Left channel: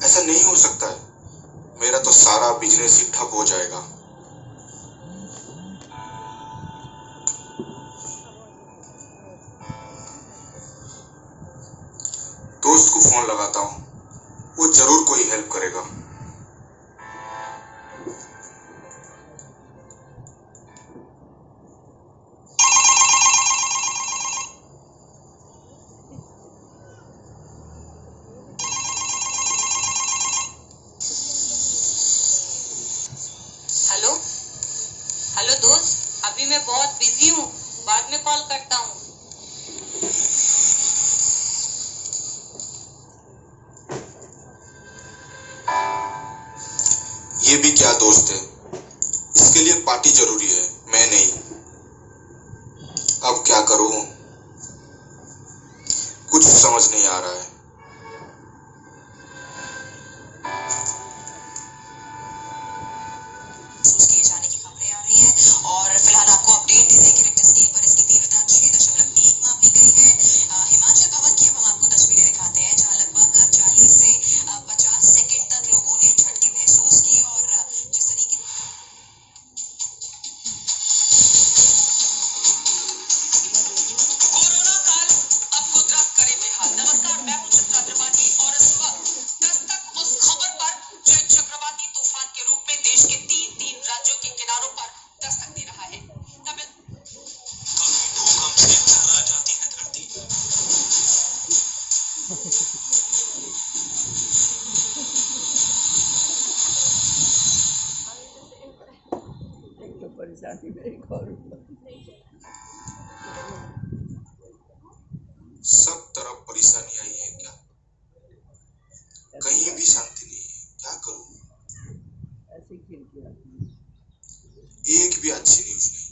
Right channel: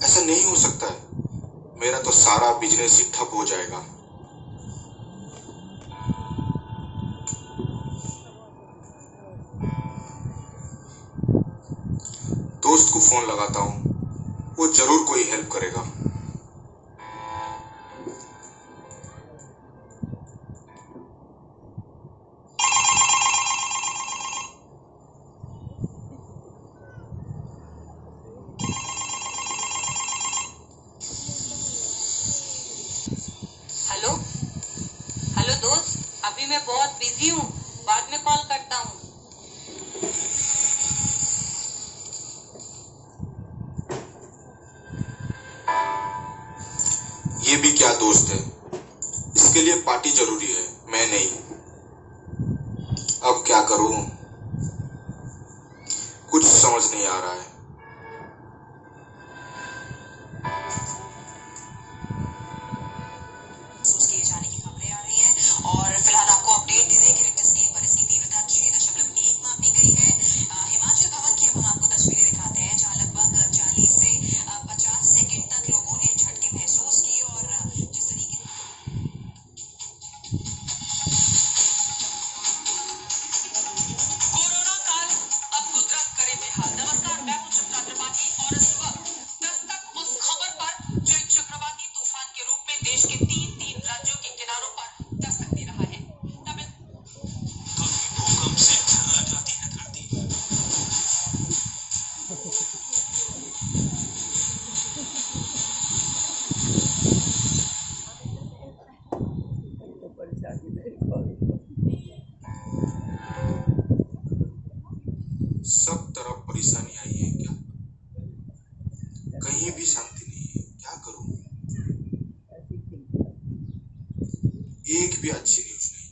ऐसा नहीं हो सकता है। मेरा तो सारा बिजनेस ही ठप हो जाएगा। दोस्त को फोन लगाता हूँ, वो जरूर कोई हेल्प करेगा। हेलो हेलो दोस्त, अभी मैं बहुत बिजी हूँ, बाद में कॉल करता हूँ। ये भी क्या दोस्त है, इसके लिए पार्टी जरूरी है, मैं नहीं। अब क्या करूं, कुछ समझ नहीं आ रहा है। किए जाने की खबरें आ रही हैं और फिलहाल आपको अपडेट दे दें कि रिक्टर स्केल पर इसकी तीव्रता 6.1 मापी गई है। हिमाचल भवन की अब हम आपको तस्वीरें दिखाते हैं, जहां लगभग 40 से 50 सेकंड तक लोगों ने झटके महसूस किए और जिस तरीके कोरोना काल अब कुदरत करे बेहाल। नमस्कार, मैं हूं चित्रा त्रिपाठी और इस वक्त दस्तक उस खबर पर जो एक चक्रवाती तूफान के रूप में देश के तीन राज्यों के किनारों पर दस्तक दे रहा है। तमिल सब तरफ परेशानी आई है क्या? कहीं भी शांति नहीं है, क्या करूं? एक भी अच्छी न्यूज नहीं।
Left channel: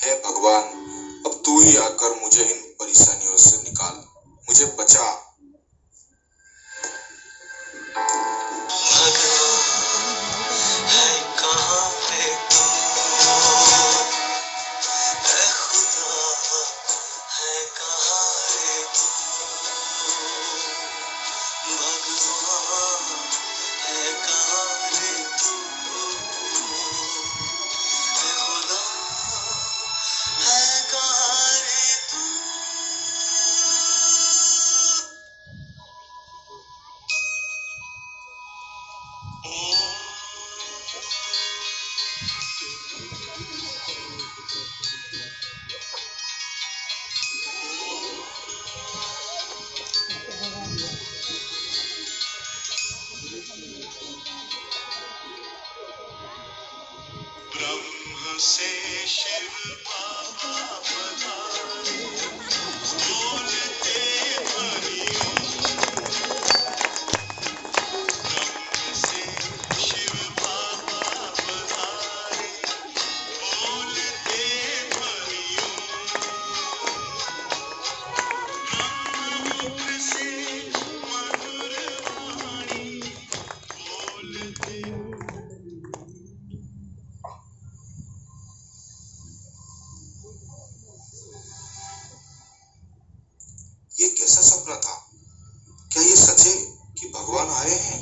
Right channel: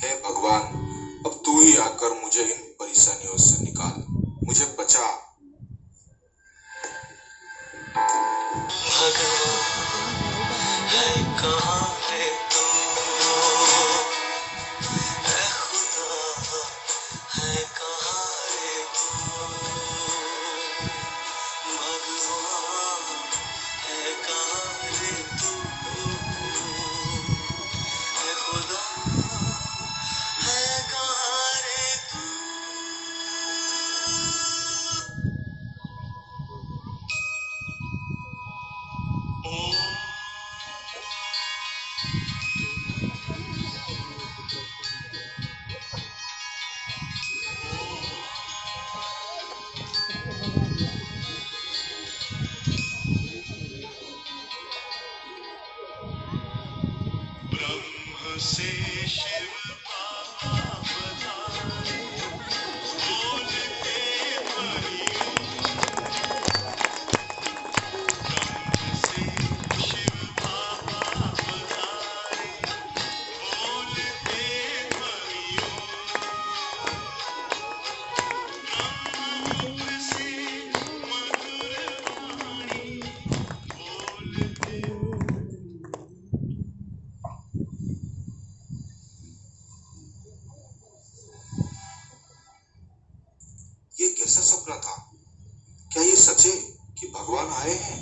हे भगवान, अब तू ही आकर मुझे इन परेशानियों से निकाल, मुझे बचा। कहाँ पे तू है, खुदा है कहाँ रे तू, भगवान है कहाँ रे तू, है खुदा शिव बाबा पधारे, बोलते परियों ब्रह्म से शिव बाबा पधारे, बोलते परियों ब्रह्ममुख से मधुर वाणी बोलते। ये कैसा सपना था? क्या ये सच है कि भगवान आए हैं?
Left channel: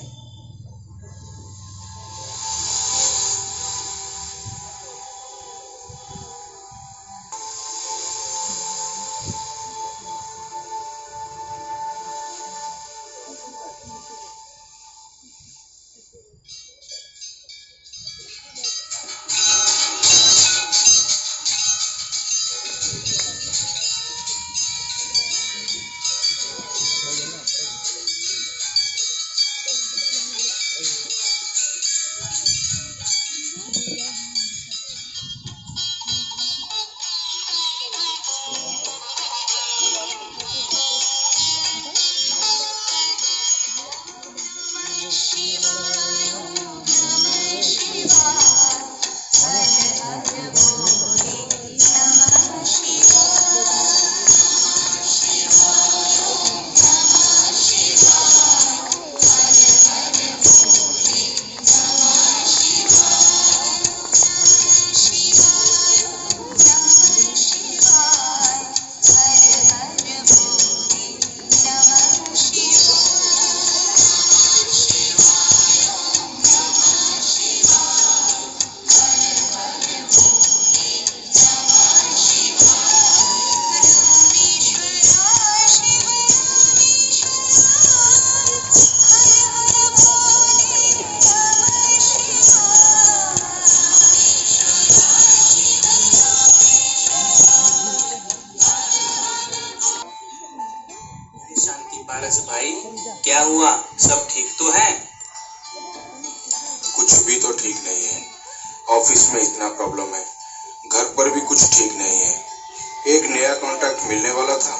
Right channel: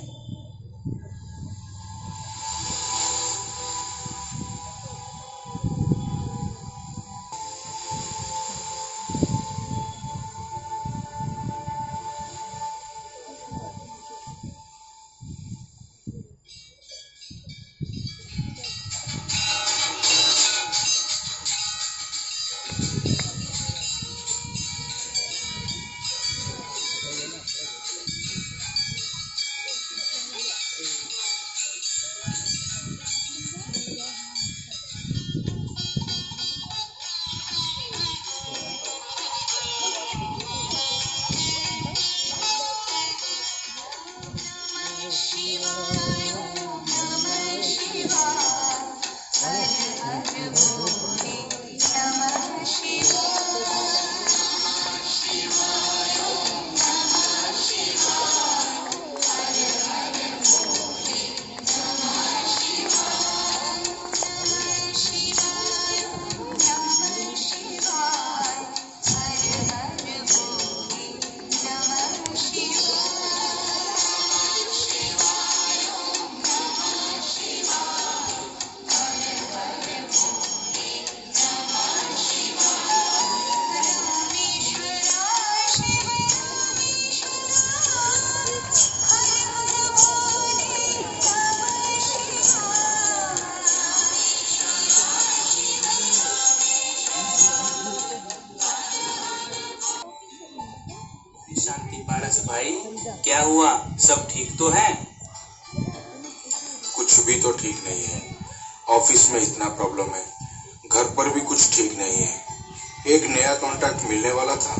शांति पारस भाई, क्या हुआ? सब ठीक तो है? कुछ भी तो ठीक नहीं है। ऑफिस में इतना प्रॉब्लम है, घर पर भी कुछ ठीक नहीं है। एक नया कॉन्ट्रैक्ट मिलने वाला था,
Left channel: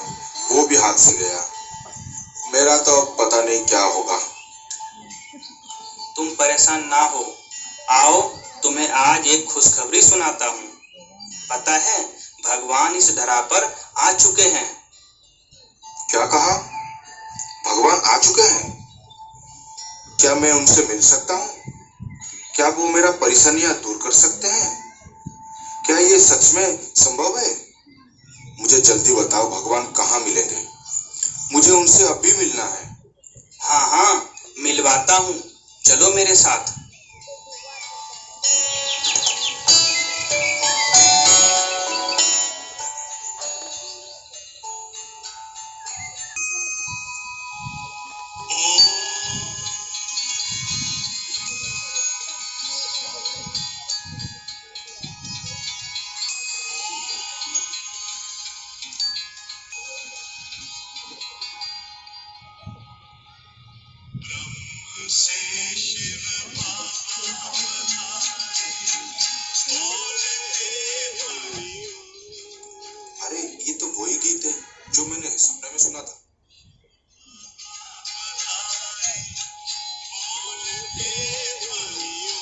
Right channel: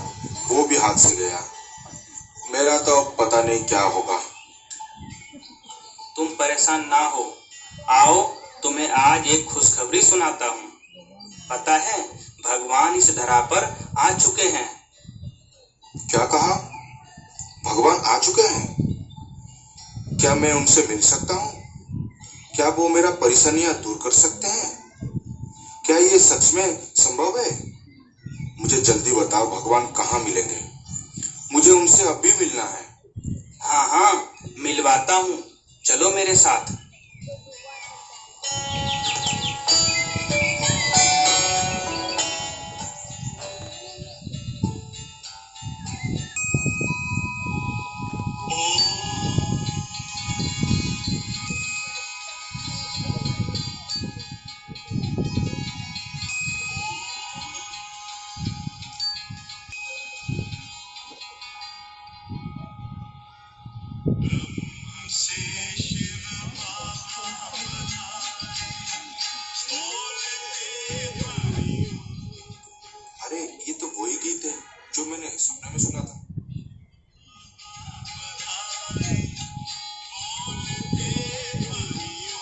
वो भी हाथ से गया। मेरा तो पता नहीं क्या होगा। तुम परेशान ना हो, आओ तुम्हें आज एक खुशखबरी सुनाता हूँ। पता है, भगवान इस धरा पर आ चुके हैं। क्या कहा? भगवान आ चुके हैं? क्या मैं उनसे मिल सकता हूँ? क्या वो मेरा परेशानियां दूर कर सकते हैं? क्या ये सच में संभव है? मुझे जल्दी बताओ, भगवान कहाँ मिलेंगे? मुझे उनसे अभी मिलना है। हाँ हाँ, मिलवाता हूँ, चलो मेरे साथ। से शिव बाबा पधारे, बोलते परियों अरे ये तो वही गीत है जो मैंने सपने में सुना था। पधारे, बोलते परियों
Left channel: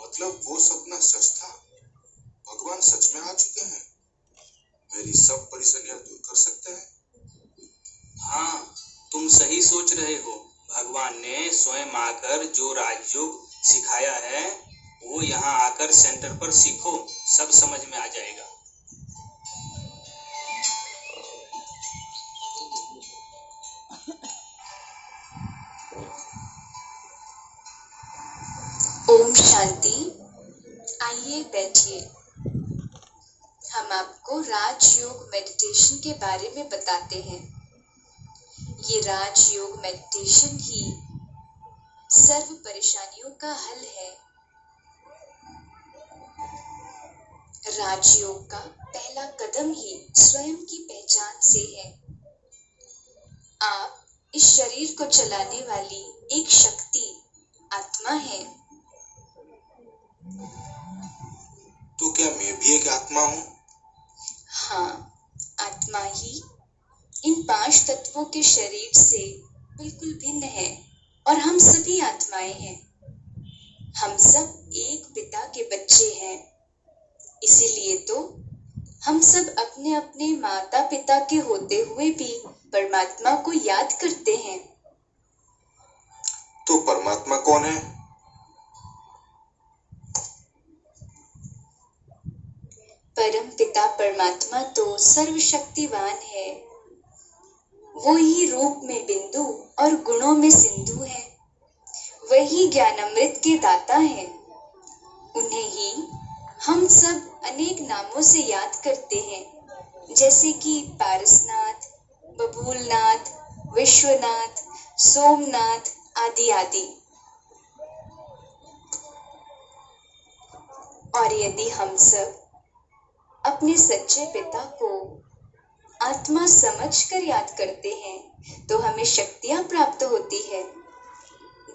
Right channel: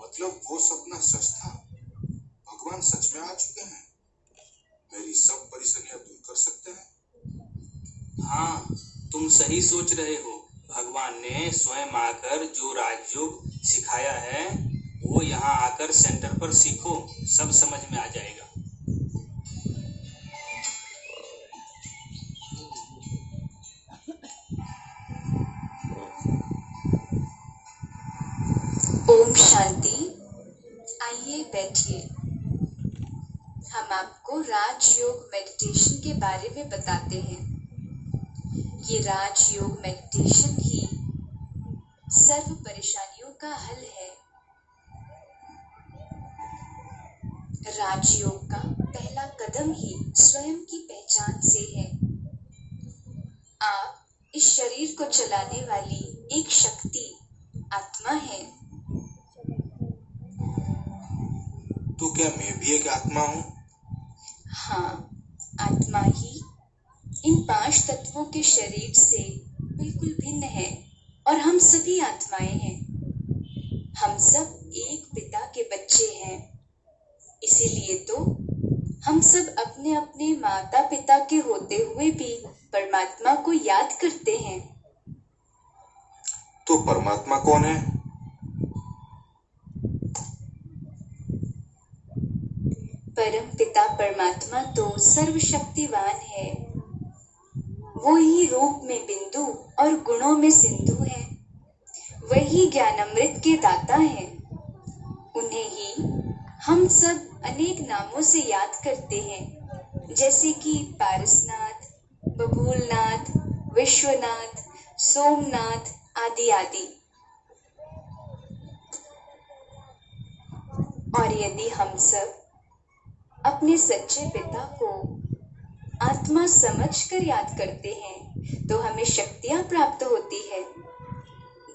मतलब वो सपना सच था? भगवान सच में आ चुके हैं? मेरी सब परेशानियां दूर कर सकते हैं? हाँ, तुम सही सोच रहे हो। भगवान ने स्वयं आकर जो राजयोग सिखाया है, वो यहाँ आकर सेंटर पर सीखो, सब समझ में आ जाएगा। ओम शांति। आइए बैठिए। हम आपको राजयोग मेडिटेशन के बारे में बताते हैं। ये राजयोग मेडिटेशन ही सर्व परेशानियों का हल है। राजयोग का पहला कदम ही स्वयं की पहचान से है। आप इस शरीर को चलाने वाली एक शक्ति आत्मा है। तो क्या मैं भी एक आत्मा हूँ? हाँ, आत्मा ही इन 5 तत्वों के शरीर से बिल्कुल भिन्न है और हम सभी आत्माएं हैं। हम सब एक पिता के बच्चे हैं। इसीलिए तो हम सब अपने अपने माता पिता के होते हुए भी परमात्मा को याद करते हैं। तो परमात्मा कौन है? परम पिता परमात्मा तो सर्वशक्तिवान है। वो ही रूप में बिंदु और गुणों में सिंधु है। वही ज्ञानामृत के दाता है। उन्हें ही हम सब अनेक नामों से याद करते हैं, जैसे कि पारसनाथ, बबूलनाथ, विश्वनाथ, सोमनाथ आदि आदि। और यदि हम सब अपने सच्चे पिता को आत्मा समझकर याद करते हैं तो हमें शक्तियां प्राप्त होती है,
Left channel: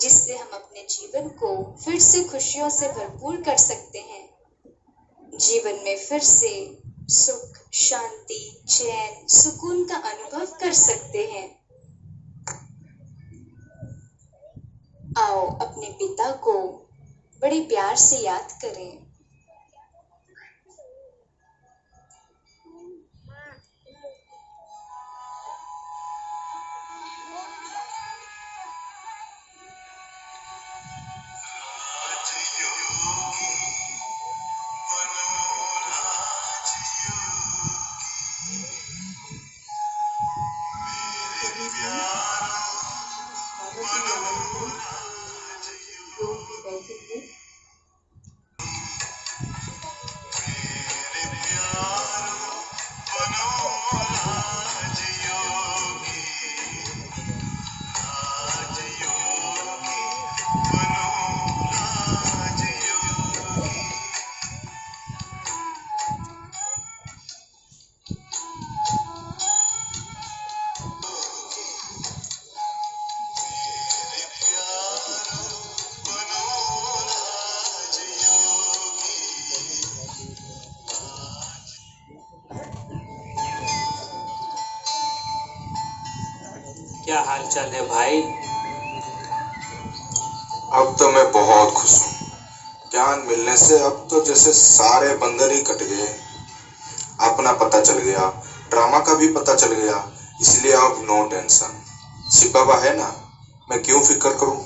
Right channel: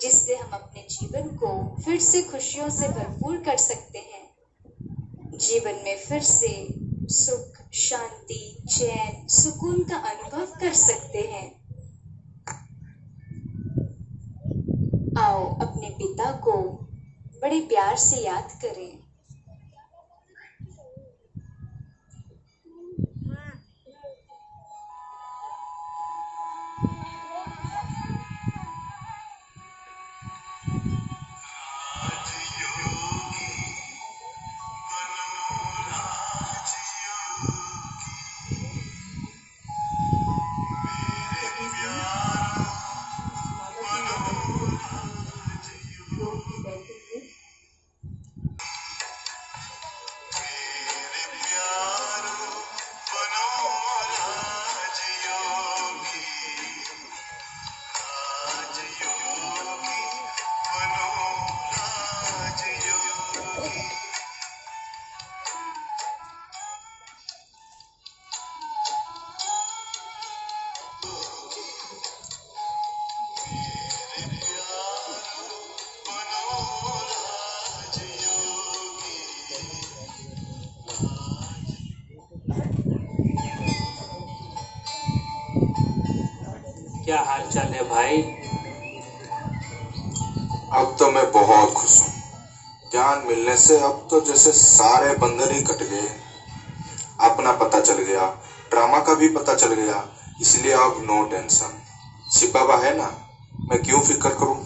जिससे हम अपने जीवन को फिर से खुशियों से भरपूर कर सकते हैं। जीवन में फिर से सुख, शांति, चैन, सुकून का अनुभव कर सकते हैं। आओ अपने पिता को बड़े प्यार से याद करें। क्या हाल चाल है भाई? अब तो मैं बहुत खुश हूँ। ज्ञान मिलने से अब तो जैसे सारे बंधन ही कट गए। अपना पता चल गया, ड्रामा का भी पता चल गया, इसलिए अब नो टेंशन। शिव बाबा है ना, मैं क्यों फिक्र करूँ।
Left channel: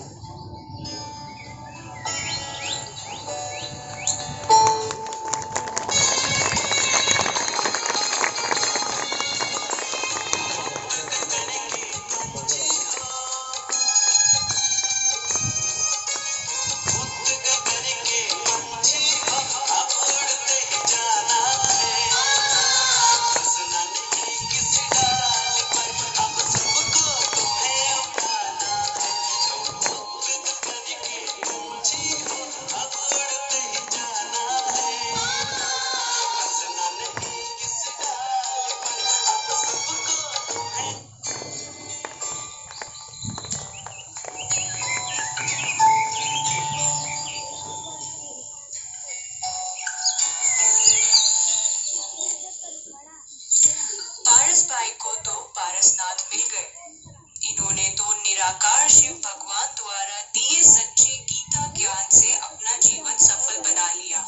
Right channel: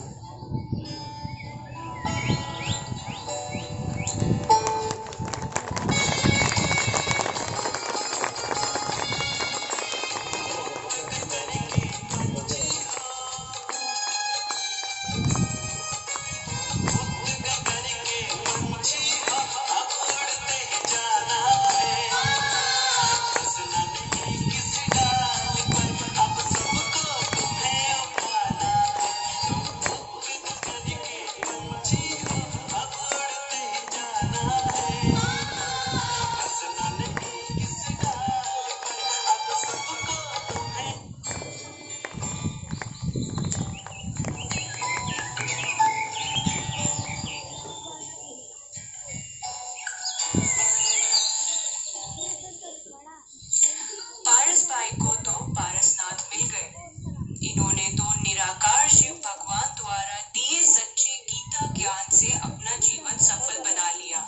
पारस भाई को तो पारसनाथ मिल गए। इन्होंने तो निराकार शिव भगवान द्वारा दिए सच्चे गीता ज्ञान से अपना जीवन सफल बना लिया।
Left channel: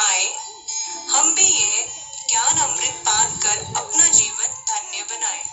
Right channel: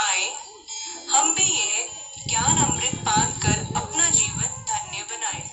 आए हम भी ये ज्ञान अमृत पान कर अपना जीवन धन्य बनाए।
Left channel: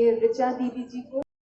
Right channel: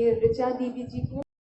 ऋचा दीदी जी को